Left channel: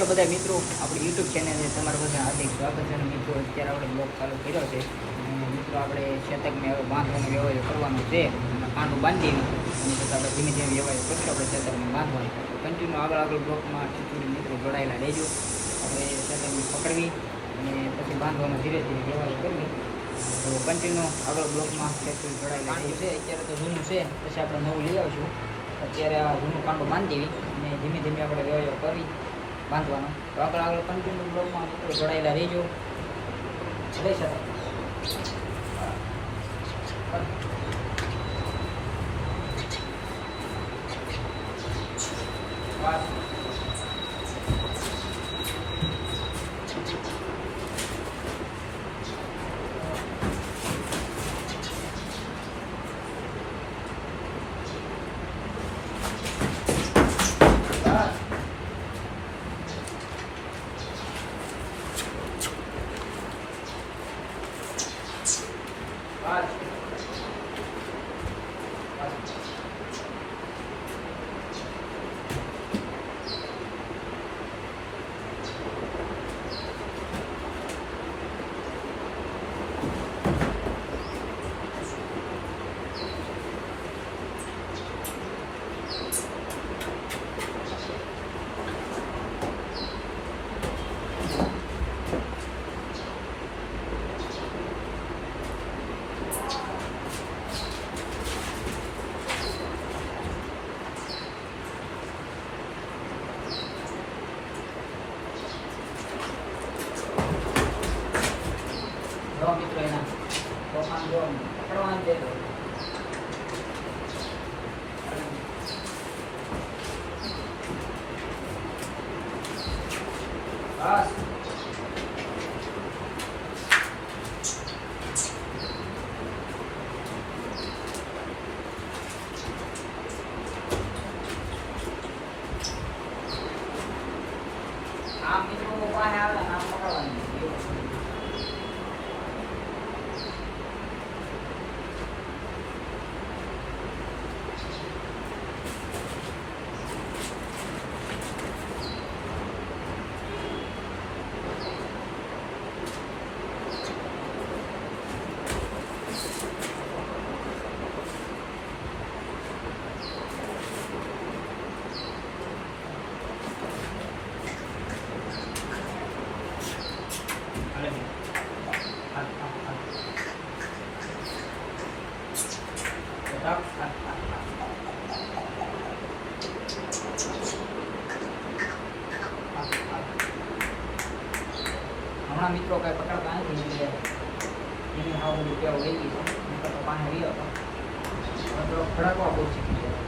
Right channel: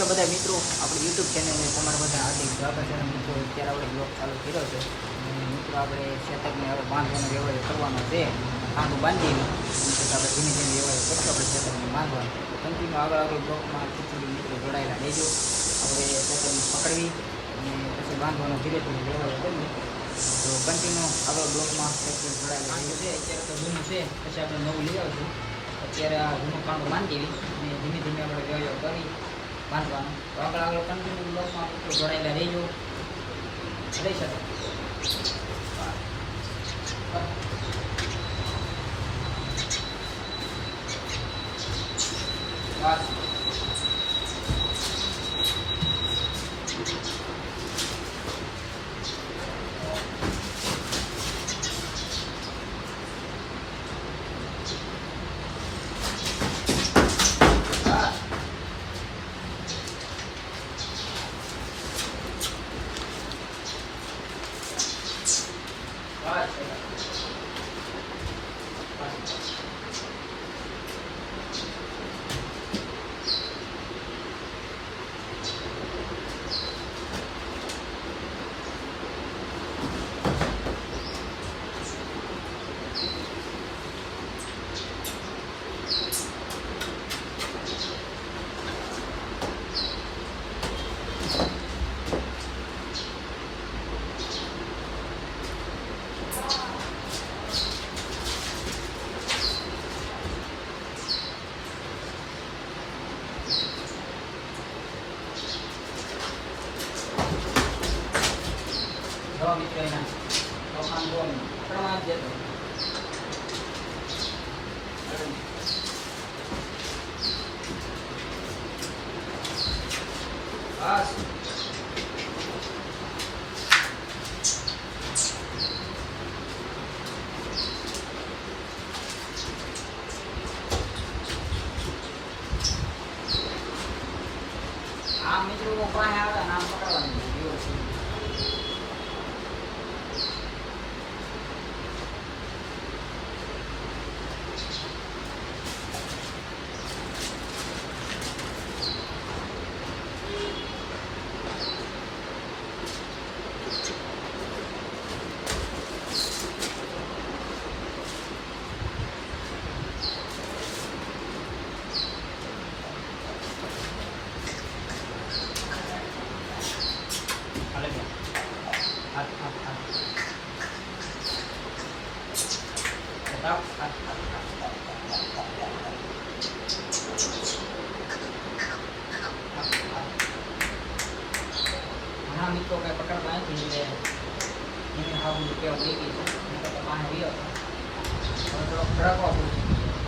છે બધા મિત્રો આપણી યુટ્યુબ ચેનલને તમારા બધા હાર્દિક સ્વાગત છે. અને મિત્રો અત્યારે આપણે બ્લોગ ચાલુ કર્યો છે અને મિત્રો આપણે શેતકને હવે બાંધવાનો વ્યવહાર કરવાનો છે. કાંડું બાંધી અને પછી આપણે ધીમે ધીમે વ્યવહાર કરશું આપણે શેતકને બાંધવાનું. તો કન્ટિન્યુ આગળ બ્લોગમાં ટૂંકડી મિત્રો જોડાયેલા રહેજો. આપણે શેતકને પકડવી અને પછી બાંધવાનો ધીરે ધીરે વ્યવહાર કરવી. તો કન્ટિન્યુ આગળ બ્લોગમાં ટૂંકડી જોડાયેલા રહેજો. અત્યારે તો જૂનું છે, પછી આપણે નવું લઈ આવીશું. અત્યારે આ જૂનું કાંડું બાંધી અને ધીમે ધીમે આપણે વ્યવહાર કરી બાંધવાનો. તો આગળ કન્ટિન્યુ બ્લોગમાં મિત્રો જોડાયેલા રહેજો. રહી શકે મિત્રો એના તોફાન જો પકડવાનું છે. બસ આ મિત્રો પાસે આવે આમ પકડવાનું. હમણાં મિત્રો કઈ પકડતા નથી એટલે એની હાવ બધું કેવું લઈ ગઈ છે. તો પાણી રહ્યો હતો થોડો ખડકવા બહુ શીખી ગયો.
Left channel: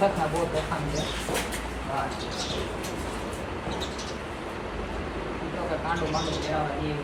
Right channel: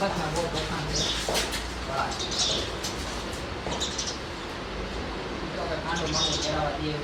શેતકના બહુ તોફાન છે. કાંડું માંડું ચડાવવા દઈએ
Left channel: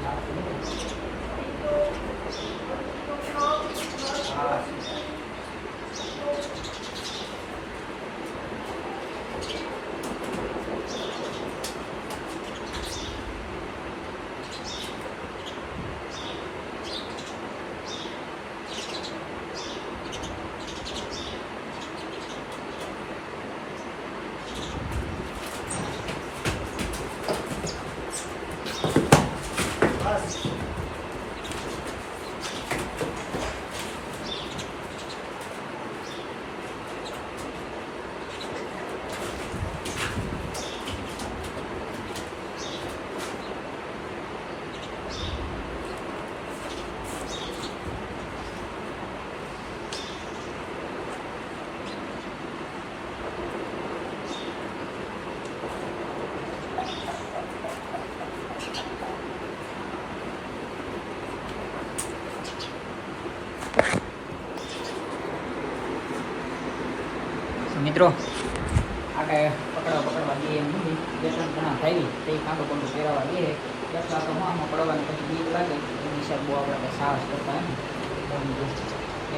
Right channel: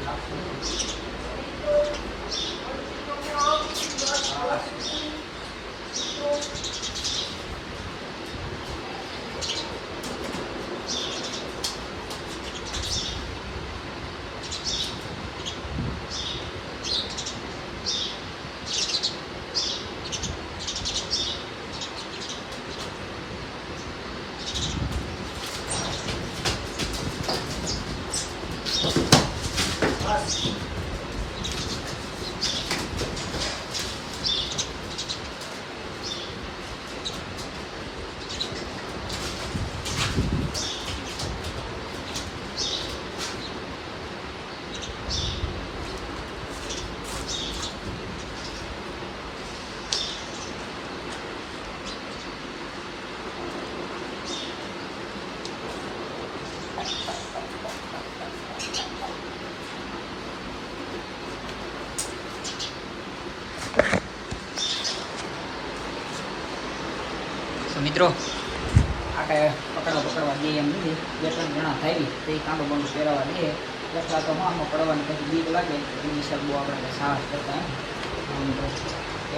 મિત્રો આટે પકડવા દે એમ નથી. 2-3 જણા થાય તો એ કાંડો બંડો પહેરાવા દે એટલા તો આમાં પડવાની પછી બીક લાગે એની હિસાબ બહુ આપણે સાહસ કરતા મિત્રો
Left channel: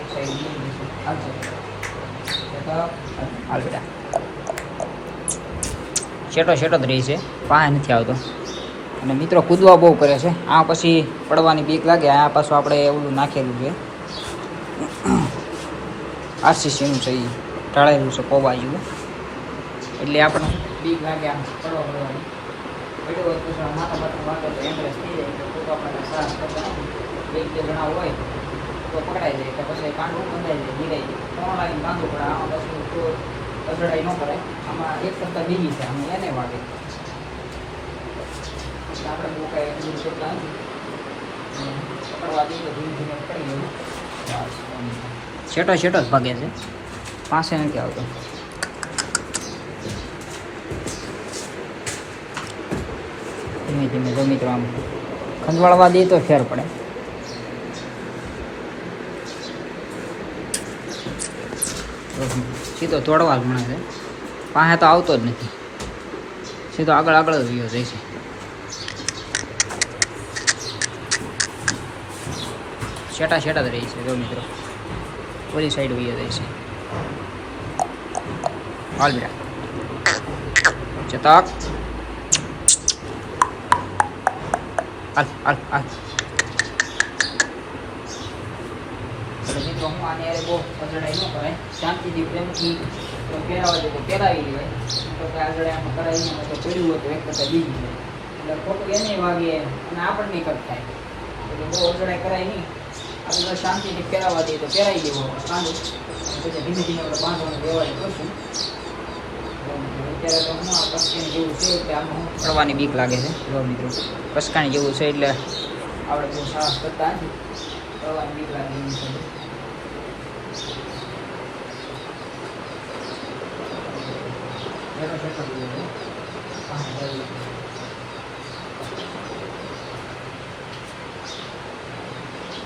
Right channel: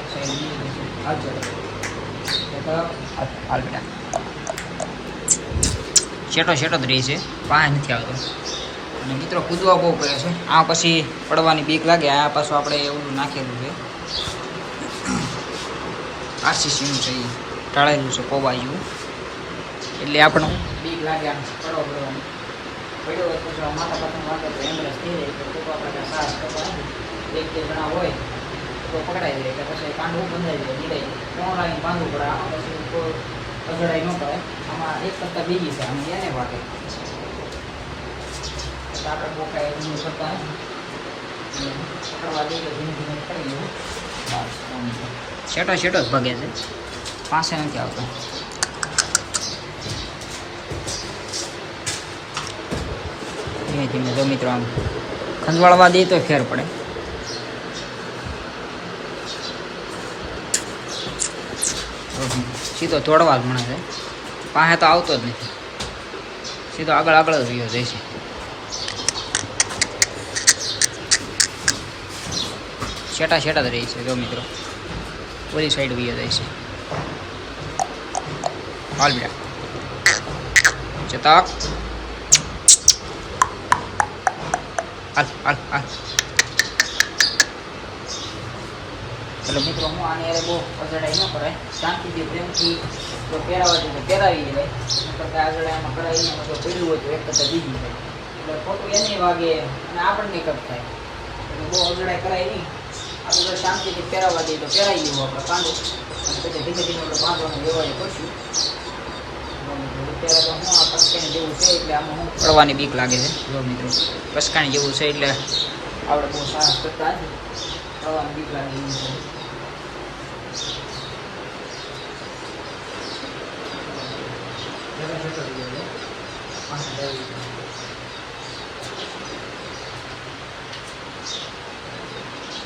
એક સાઈડ હાલજો હાલ બેટા શેટો જ રહી છે પાસે નથી આવતો. અને મિત્રો કૂદવા બહુ કરે છે. આ પછી પડવાની બીક લાગે. આ પાછું આપણે ઓલું નાખેલું છે આરસીસીનું છે એ ઢાળેલું છે કોબા જેવું એટલે આપણે બીક લાગે આમ પડવાની. પડ્યો હોય પછી માથા બાથા વાગે તો એમ્બ્રેસ થઈ જાય તો આપણે સાહસ કરતા નથી. 1-2 જણા હોય તો પકડાઈ જાય તો પછી કાંડું બંધાઈ જાય નીકળી જાય. 3 લાવીને બાંધવું પડે. આમાં પછી અજડાઈ ન કરે. આમાં એક કરતાં બીજી છે આમાં એને વાગે આપણે બહુ કાંઈ એમ કરતા નથી. પકડવા દઈએ ધીમે ધીમે પકડી લેવું. શેટો જ ભાગે છે પાસે નથી આવતો. ધીમે ધીમે જો મિત્રો આમ ખંજવાળવા દઈએ તો ફેર પડે. સીધો તોડવા જ મળે છે. પાસે તો આવતો જ નથી. સીધો આગળ જ રહ્યો જાય છે. શેટા જ રહી છે જો મિત્રો. ઓલી સાઈડ વહી જાય છે. હાલ બેટા ચતક હાલ ચલો મિત્રો હું આને યારે બહુ અજડાઈ ન કરાય. શાંતિથી પ્રેમથી પહેરાવા દે તો પહેરાવી દેવાય. કરતાં આગળ એમાં કરાવીને તો પડ્યું હોય તો એક કરતાં બીજી થાય એટલે ખોટું એને વાગે અને આપણને કપ થાય. એટલે બહુ અજડાઈ કરાય નહીં. આપણે શાંતિથી પહેરાવા દઈએ તો પહેરાવી દેવું આપણે કાંડું. અને પછી ધીમે ધીમે આપણે બાંધવાનું વ્યવહાર કરશું. અત્યારે તો હું આ કસકાણી જેવું છે એટલે આમાં હું પડવાની બીક લાગે છે. જો મિત્રો કસકાણી જેવું છે એટલે આપણે બહુ સાહસ કરતા નથી. પડવાની બીક લાગે એવી છે.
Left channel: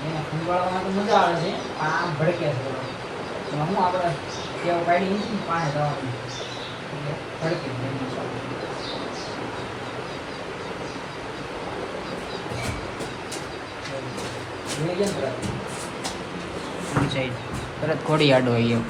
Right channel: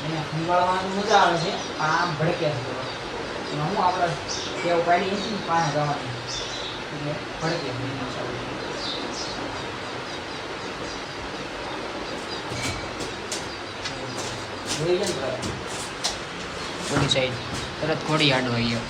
એને ખંભાળવામાં તો મજા આવે છે. આમ ભડકે છે એમાં હું આપણે ટેવ પાડી નથી પાસે જવાની એટલે ભડકે જોઈ જાય ને સાઈડ તરત ઘોડી આડો આવી